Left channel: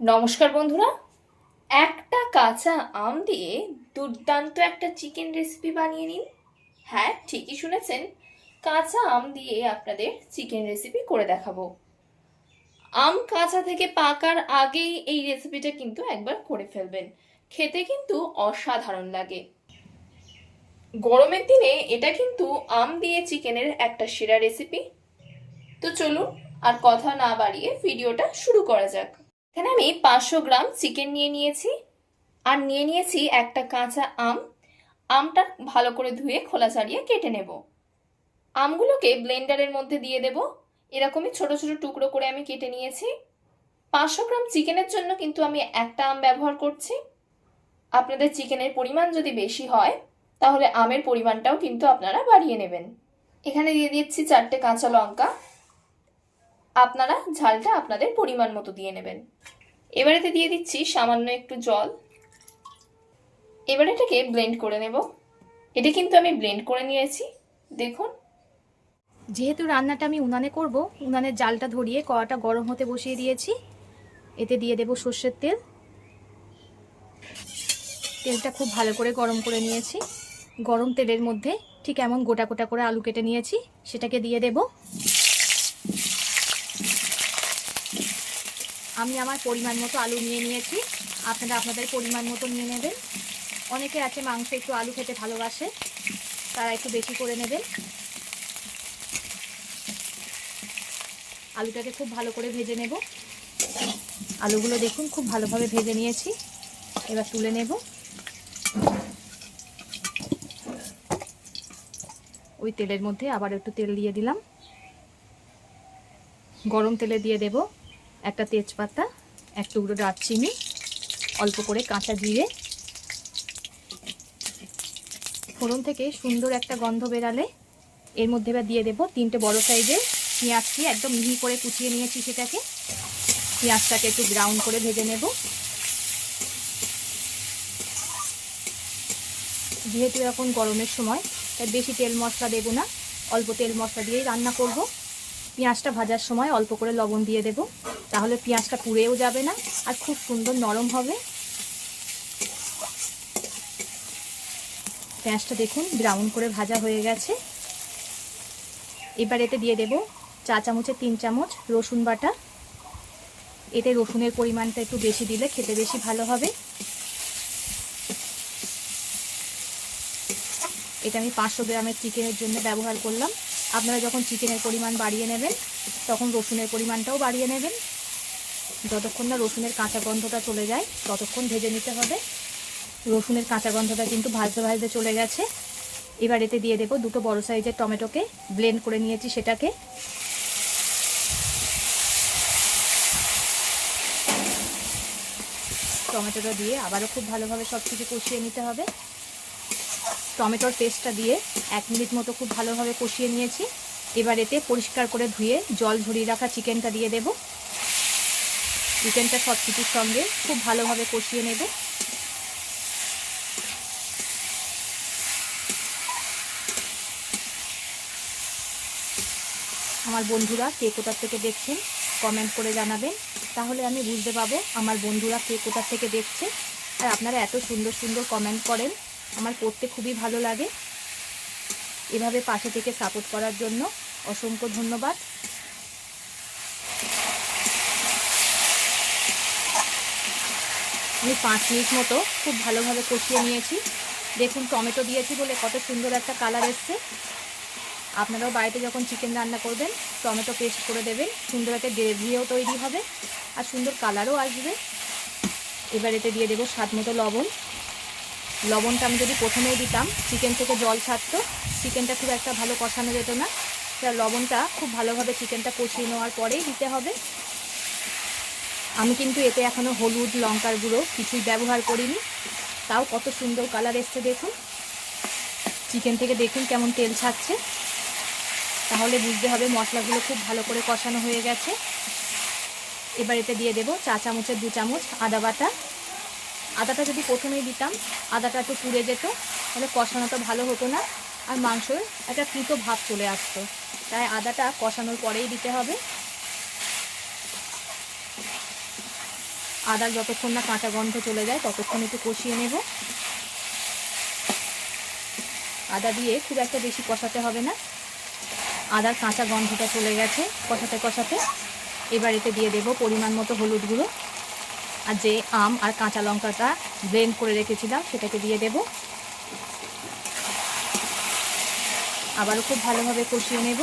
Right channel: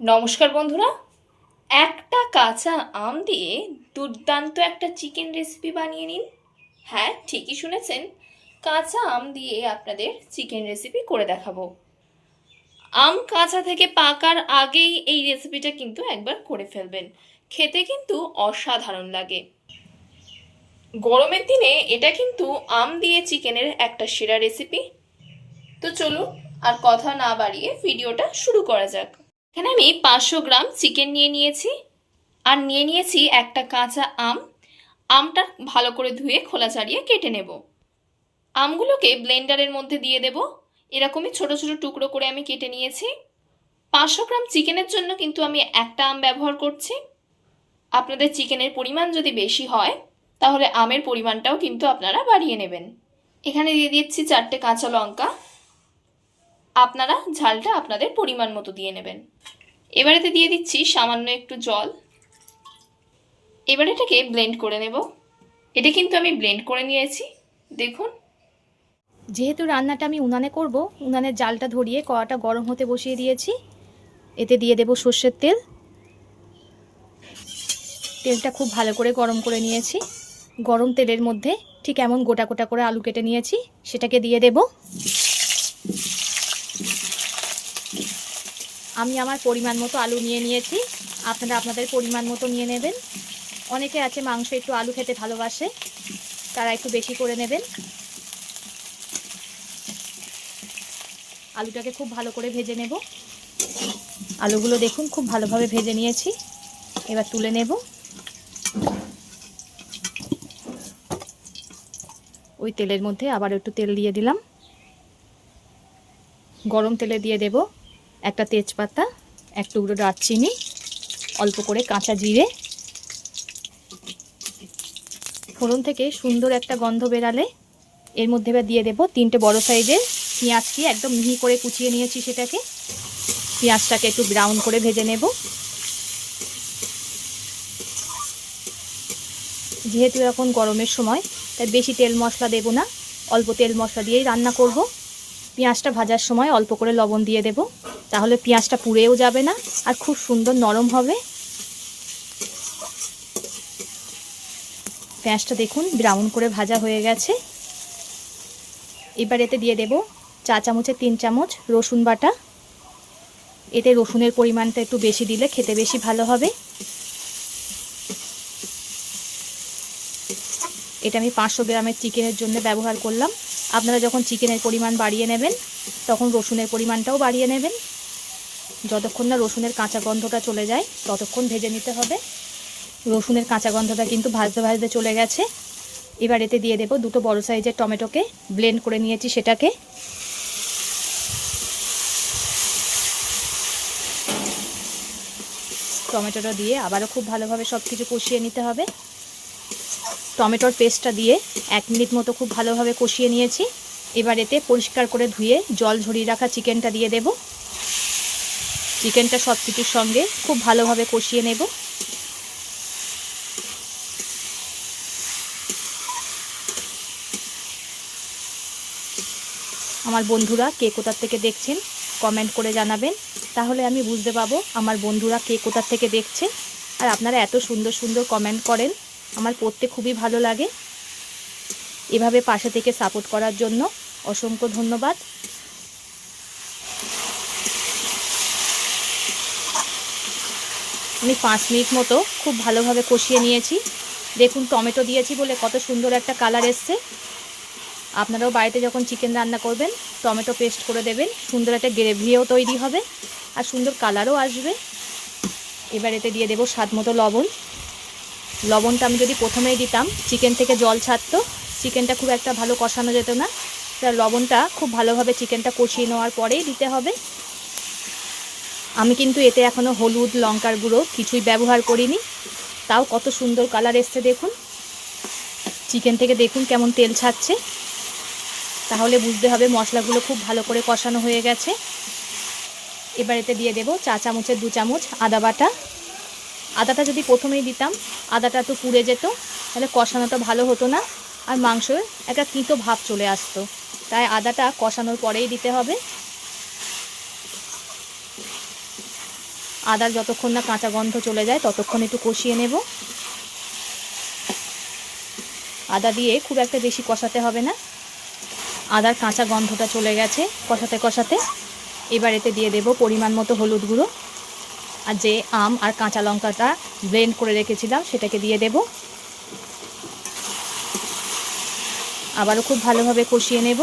নমস্কার বন্ধুরা। একটা কাঁচা আম দিয়ে দুর্দান্ত একটা চিকেন রেসিপি বানিয়ে নিন। হ্যাঁ, ঠিকই শুনেছেন, কাঁচা আম দিয়ে আপনাদের চিকেন রেসিপি করে দেখাবো। আম কাঁচা থেকে পাকার আগেই এই রেসিপিটা কিন্তু একবার করে ফেলবেন, খেতে কিন্তু অসাধারণ লাগে। গরমের দিনে এটা কিন্তু আম দিয়ে চিকেনের একটা সেরা রেসিপি। তো চলুন আর কথা না বাড়িয়ে ভিডিওটা শুরু করা যাক। এখানে আমি 500 গ্রাম চিকেন নিয়ে নিয়েছি, আর নিয়ে নিয়েছি একটা কাঁচা আম। আমটা ভালো করে ধুয়ে খোলা ছাড়িয়ে কেটে নেব। আমগুলোকে ব্লেন্ডারের মধ্যে দিয়ে দেব। এরকমই ছোট ছোট টুকরো করে আমি কেটে নিয়েছি। 500 গ্রাম চিকেনের জন্য কিন্তু আমি একটা আম ব্যবহার করছি। আপনাদের চিকেনের পরিমাণ যদি বেশি হয় তাহলে আমের পরিমাণটাও কিন্তু আপনারা বাড়িয়ে নেবেন। এখানে দিয়ে দিচ্ছি 4টে কাঁচা লঙ্কা। আপনারা ঝালটা আপনাদের পরিমাণ মতো দিয়ে নেবেন। এবারেতে দিয়ে দিচ্ছি সামান্য একটু জল। এবার এটাকে ব্লেন্ড করে নেব। এটা কিন্তু আমি ব্লেন্ড করে নিয়েছি, দেখুন। যেহেতু রান্নাটা আমি উনানে করব, উনানের জালটা ধরিয়ে কড়াটা গরম হতে বসিয়ে দিয়েছি। এতে দিয়ে দেব সর্ষের তেল। তেলটা খুব ভালো করে গরম করে নিয়েছি। গরম তেলের মধ্যে ঠিক এমন গোটা গোটা করে আলু কেটে নিয়েছি, সেটাকে দিয়ে দেব। আমি আমার পরিমাণ মতো আলু নিয়ে নিয়েছি, আপনারা আপনাদের পরিমাণ মতো নিয়ে নেবেন। অনেকে আছে মাংস একটু আলু খেতে ভালোবাসে, তারা একটু বেশি করে নেবেন। আলুটাকে খুব ভালো করে ভেজে নেব। আলুগুলো দেখুন খুব ভালোভাবে ভেজে নিয়েছি। এবার তুলে নেব। ওই তেলের মধ্যে আবার একটু তেল দিয়ে দিলাম। গরম তেলে দিয়ে দেব একটা তেজপাতা, এক টুকরো দারচিনি, অল্প করে কাঁচা জিরে। ফোড়ন থেকে সুন্দর একটা গন্ধ বেরালে এর মধ্যে দিয়ে দেব 3টে বড় সাইজের পেঁয়াজটি একদম মিহি করে কুচিয়ে নিয়েছি। সেটাকে পেঁয়াজটাকে একটু ব্রাউন করে ভেজে নেব। যেহেতু এখন গরমের সময়, তাই বেশি তেল মশলা দেব না, অল্প তেল মশলা দিয়েই রান্না করব। পেঁয়াজটা ভাজার সময় অল্প করে লবণ দিয়ে দেব, তাহলে পেঁয়াজটা পুড়েও যাবে না আর খুব সুন্দর নরম হবে। পেঁয়াজটা দেখুন ব্রাউন করে ভাজা হয়ে গেছে। এবার এতে দিয়ে দেব 4 চামচের 3 চামচ রসুন বাটা। এতে রসুনের পরিমাণটা একটু বেশি দিলে খেতে বেশি ভালো হবে। এটা আমি 500 গ্রামের চিকেনের জন্য ব্যবহার করলাম। আপনারা যখন চিকেনের পরিমাণ বাড়িয়ে নেবেন তখন রসুনের পরিমাণটাও বাড়িয়ে নেবেন। যতক্ষণ না রসুনের কাঁচা গন্ধটা চলে যায় ততক্ষণ ভেজে নিতে হবে। রসুনের কাঁচা গন্ধটা কিন্তু ভাজতে ভাজতে চলে গেছে। এবার এতে দিয়ে দেব 2টো বড় সাইজের টমেটোকে ব্লেন্ড করে নিয়েছি, সেটাকে। টমেটোটা দিয়ে আবারও খুব ভালোভাবে সব কিছু কষিয়ে নিতে হবে। টমেটোর পেস্টটা দিয়ে 1 মিনিট মতো খুব ভালোভাবে কষিয়ে নিয়েছি। এবার এতে পরিষ্কার করে ধুয়ে জল ঝরিয়ে রাখা চিকেনটা দিয়ে দেব। চিকেনটা সব কিছুর সঙ্গে খুব ভালোভাবে কষিয়ে নেব। আমার বন্ধুরা কে কোথার থেকে দেখছেন কমেন্ট করে জানাবেন, তাহলে আমি বুঝতে পারবো আমার বন্ধুরা কে কোথার থেকে দেখছে। আর আপনারা এত সুন্দর সুন্দর কমেন্ট করেন, আমার পড়তে খুবই ভালো লাগে। এভাবে পাশে থেকে সাপোর্ট করার জন্য অসংখ্য ধন্যবাদ। আমি 5 মিনিট মতো খুব ভালোভাবে কষিয়ে নিয়েছি। দেখুন টমেটো দিয়েছি বলে কত সুন্দর একটা কালার এসছে। আপনারাও বাড়িতে যখন চিকেন রান্না করবেন টমেটো পেস্ট করে দেবেন, সুন্দর একটা গ্রেভিও তৈরি হবে আর সুন্দর কালারও আসবে। এবার এতে দিয়ে দেবো স্বাদ মতো লবণ। লবণটা আমি যদি প্রথমেই দিতাম চিকেন থেকে জল ছাড়তো, চিকেনটা খুব একটা ভালো কষানো যেত না। তার লবণটা খুব ভালোভাবে চিকেনটা কষিয়ে নেওয়ার পরেই দিতে হবে। আমি কিন্তু এতে এখনও হলুদ লঙ্কার গুঁড়ো কিছুই ব্যবহার করিনি, তাও কত সুন্দর কালার এসছে দেখুন। চিকেন থেকে দেখুন কেমন তেল ছাড়ছে, তাহলে বুঝতে হবে মশলাগুলো খুব ভালো করে কষানো হয়ে গেছে। এবার এতে দিয়ে দেবো 4 চামচের 2 চামচ আদা বাটা। আদাটা যদি প্রথমেই দিতাম আদাটা একটু পুড়ে যেত, তাহলে কষানোটা ভালো হতো না আর মাংসের একটা তিতো ভাব চলে আসতো। তাই আদাটা কষানোর পরেই দিতে হবে। আদার যতক্ষণ না কাঁচা গন্ধ চলে যায় ততক্ষণ একটু কষিয়ে নেব। আদা দিয়ে খুব একটা বেশি কষাতে হবে না, আদার কাঁচা গন্ধটা চলে গেছে কষাতে কষাতে। এবার এতে দিয়ে দেব পরিমাণ মতো হলুদ গুঁড়ো, আর যে আম আর কাঁচা লঙ্কাটা ব্লেন্ড করে রেখেছিলাম সেটাকে দিয়ে দেব। আবারও খুব ভালোভাবে কষিয়ে নেব।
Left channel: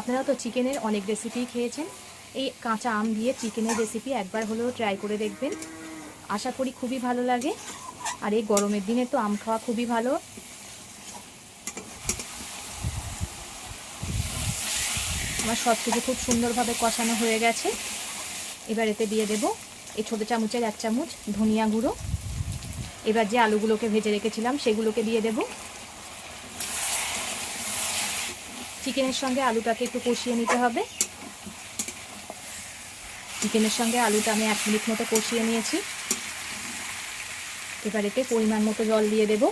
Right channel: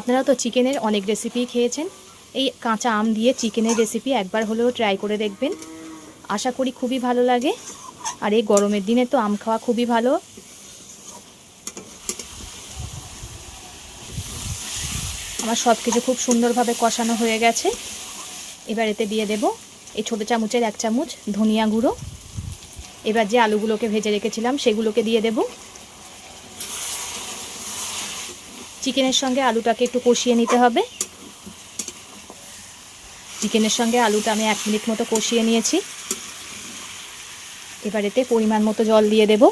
আপনারা তো চিকেনের অনেক রেসিপি খেয়েছেন, এই কাঁচা আম দিয়ে চিকেনের রেসিপি একবার হলেও ট্রাই করে দেখবেন, আশা করি খুবই ভালো লাগে। আর এই গরমের দিনে তো আম খাওয়া খুবই ভালো। আমার সব কিছু খুব সুন্দরভাবে কষানো হয়ে গেছে। এবার এতে দিয়ে দেব এই ছোটো চামচের 1 চামচ ধনিয়া গুঁড়ো। এবার যে আলুগুলোকে ভেজে রেখেছিলাম সেগুলোকে দিয়ে দেব। চিকেনের সঙ্গে আলুটাকে একটু কষিয়ে নিতে হবে। চিকেনের সঙ্গে আলুটা আমি 1 মিনিট মতো কষিয়ে নিয়েছি। এবার এতে পরিমাণ মতো জল দিয়ে দেব।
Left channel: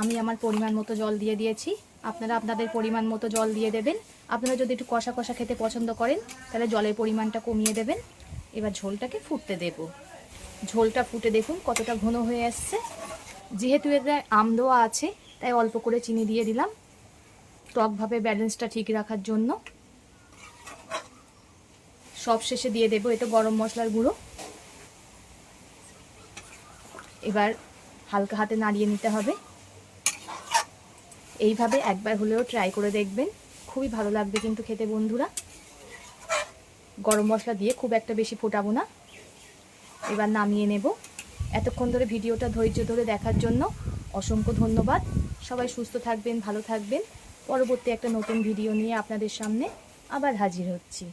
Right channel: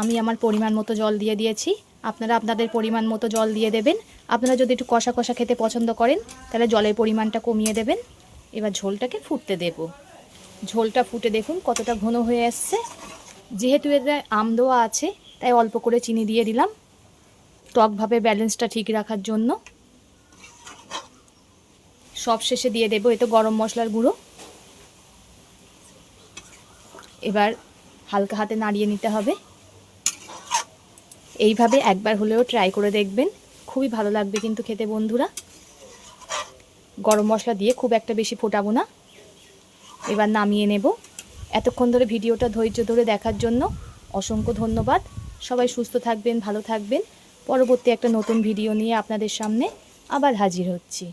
আমি আমার পরিমাণ মতো জল দিয়ে দিয়েছি, আপনারা আপনাদের পরিমাণ মতো জল দিয়ে দেবেন। আপনারা যদি একটু কষা কষা খেতে পছন্দ করেন তাহলে জলের পরিমাণটা কমিয়ে দেবেন। এবার ঝোলটাকে ফুটতে দেব। ঝোলটা ফুটে দেখুন কতটা ঘন হয়ে আসছে। যেহেতু এতে আম দেওয়া আছে তাই অল্প করে চিনি দিয়ে দিলাম, টকভাবে ব্যালেন্সটা ঠিক রাখার জন্য। সব শেষে দিয়ে দেব এতে গরম মশলার গুঁড়ো। এবার হালকা হাতে নাড়িয়ে নিতে হবে। এইভাবে একবার হলেও ট্রাই করে দেখবেন, খুবই ভালো লাগবে কিন্তু খেতে বন্ধুরা। গরম মশলা দিয়ে খুব একটা বেশি ফোটাবো না। এবার নামিয়ে নেব। এতক্ষণ ধরে ভিডিওটা ধৈর্য ধরে দেখার জন্য অসংখ্য ধন্যবাদ। সবাই সুস্থ থাকবেন, ভালো থাকবেন। পরবর্তী একটা নতুন ভিডিও নিয়ে আপনাদের সামনে আবার হাজির হচ্ছি।